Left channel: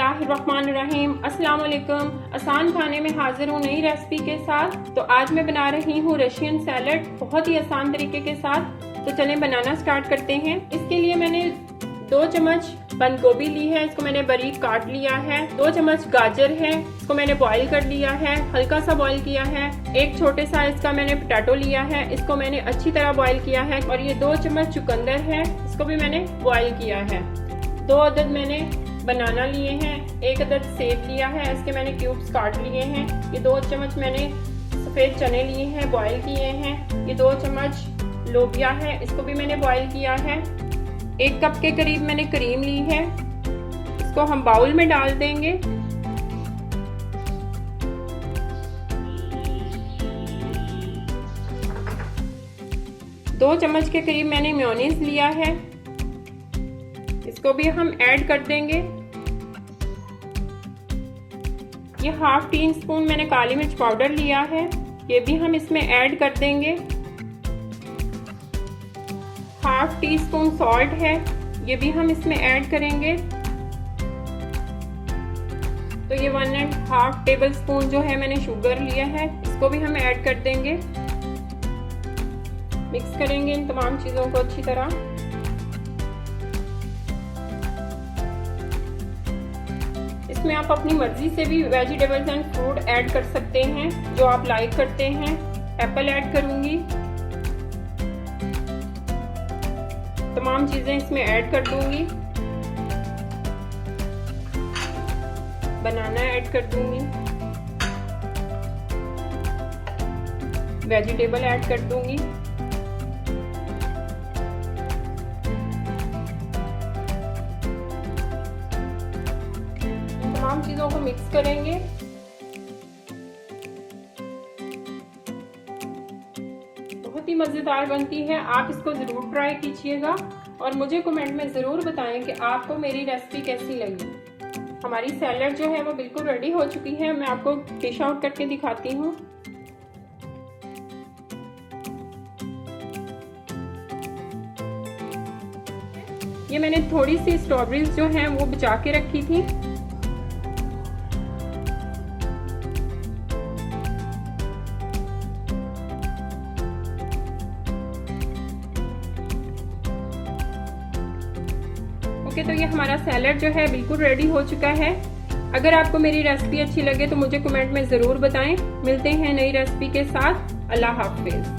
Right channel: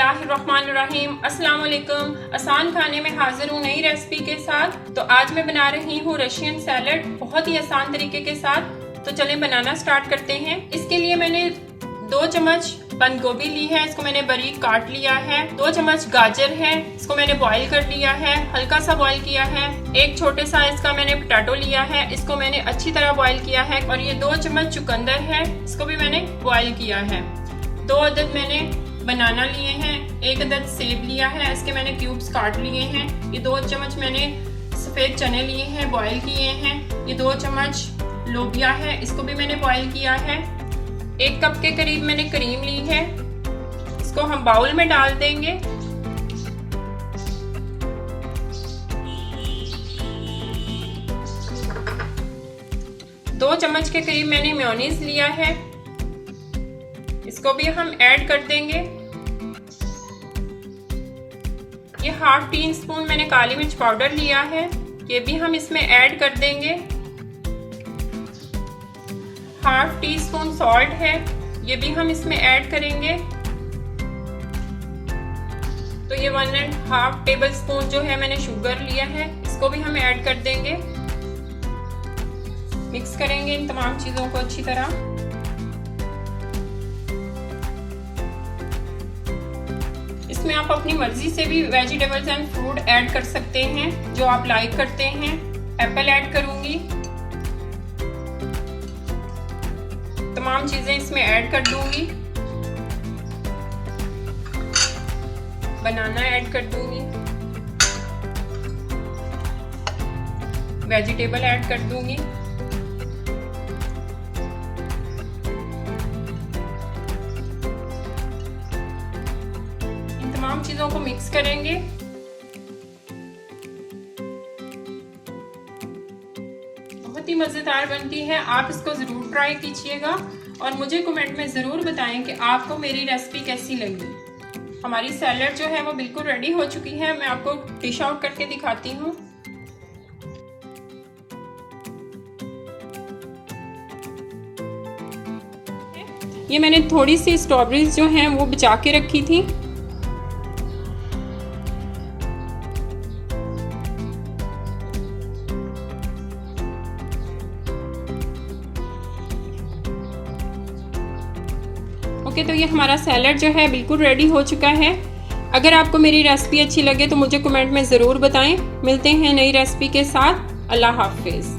बिस्मिल्लाहिर्रहमानिर्रहीम। अस्सलाम वालेकुम। आसान खाने में हाजिर हूँ नई रेसिपी के साथ। तो आज मैं बना रही हूँ रशियन सैलड बहुत ही आसान तरीके के साथ। तो चलें बनाना स्टार्ट करते हैं। इसके लिए मैंने 2 चम्मच बंद गोभी ली है, इसको मैंने बारीक काट लिया है। 2 चम्मच गाजर है, इसको मैंने बॉईल कर लिया है, हल्का सा बॉईल किया है। 1 छोटे साइज का मैंने पोटैटो लिया है, इसको मैंने अच्छी तरह बॉईल किया है। और ये 2 चम्मच चुकंदर है, इसको भी मैंने बॉईल किया है। 2 अदद मैंने बनाना लिए हैं, 1 अदद सेब लिया है, इसके मैंने क्यूब्स काट लिए हैं। ये 2 चम्मच मैंने सफ़ेद चने लिए हैं, बॉईल किए हैं। ये 2 चम्मच लोबिया है, इसको भी मैंने बॉईल किया है। 1 कप के करीब मैंने क्रीम ली है, इसको हम बाउल में डाल देंगे। दो चम्मच के करीब मैंने मेयोनीज लिया है, इसको भी हम ऐड कर देंगे। ये ½ टीस्पून मैंने काली मिर्च पाउडर लिया है, ये भी हम इसमें ऐड कर देंगे। ½ टीस्पून सॉल्ट है, ये भी हम इसमें ऐड करेंगे। तो ये 1½ टेबल स्पून जो है मैंने शुगर लिया है, इसको भी हम ऐड कर देंगे। मिक्स करेंगे इन तमाम चीज़ों को अच्छी तरह। इसमें आप अपनी मर्जी से भी वेजिटेबल्स एंड फ्रूट ऐड कर सकते हैं जो आप लाइक करते हैं। एप्पल ऐड करूंगी, तमाम चीजें इसमें ऐड कर दूंगी। बनाना ऐड कर दूंगी, वेजिटेबल ऐड कर दूंगी। तमाम चीजों को मिक्स करेंगे। बहुत ही मजेदार बनती है, आप इसको जरूर ट्राई कीजिएगा और मुझे कमेंट में जरूर बताएं कि आपको मेरी रेसिपी कैसी लगी। हमारी सैलड जो है वो बिल्कुल रेडी हो चुकी है, मैं आपको डिश आउट करके दिखाती हूँ। ये मैंने थोड़ी सी स्ट्रॉबेरीज जो हैं वो बचा के रखी थी। ओके, तो ये हमारा सैलड जो है बिल्कुल रेडी हो चुका है। अगर आपको मेरी रेसिपी अच्छी लगे तो मुझे कमेंट में ज़रूर बताएं। मिलते हैं नई रेसिपी के साथ। अल्लाह हाफिज़।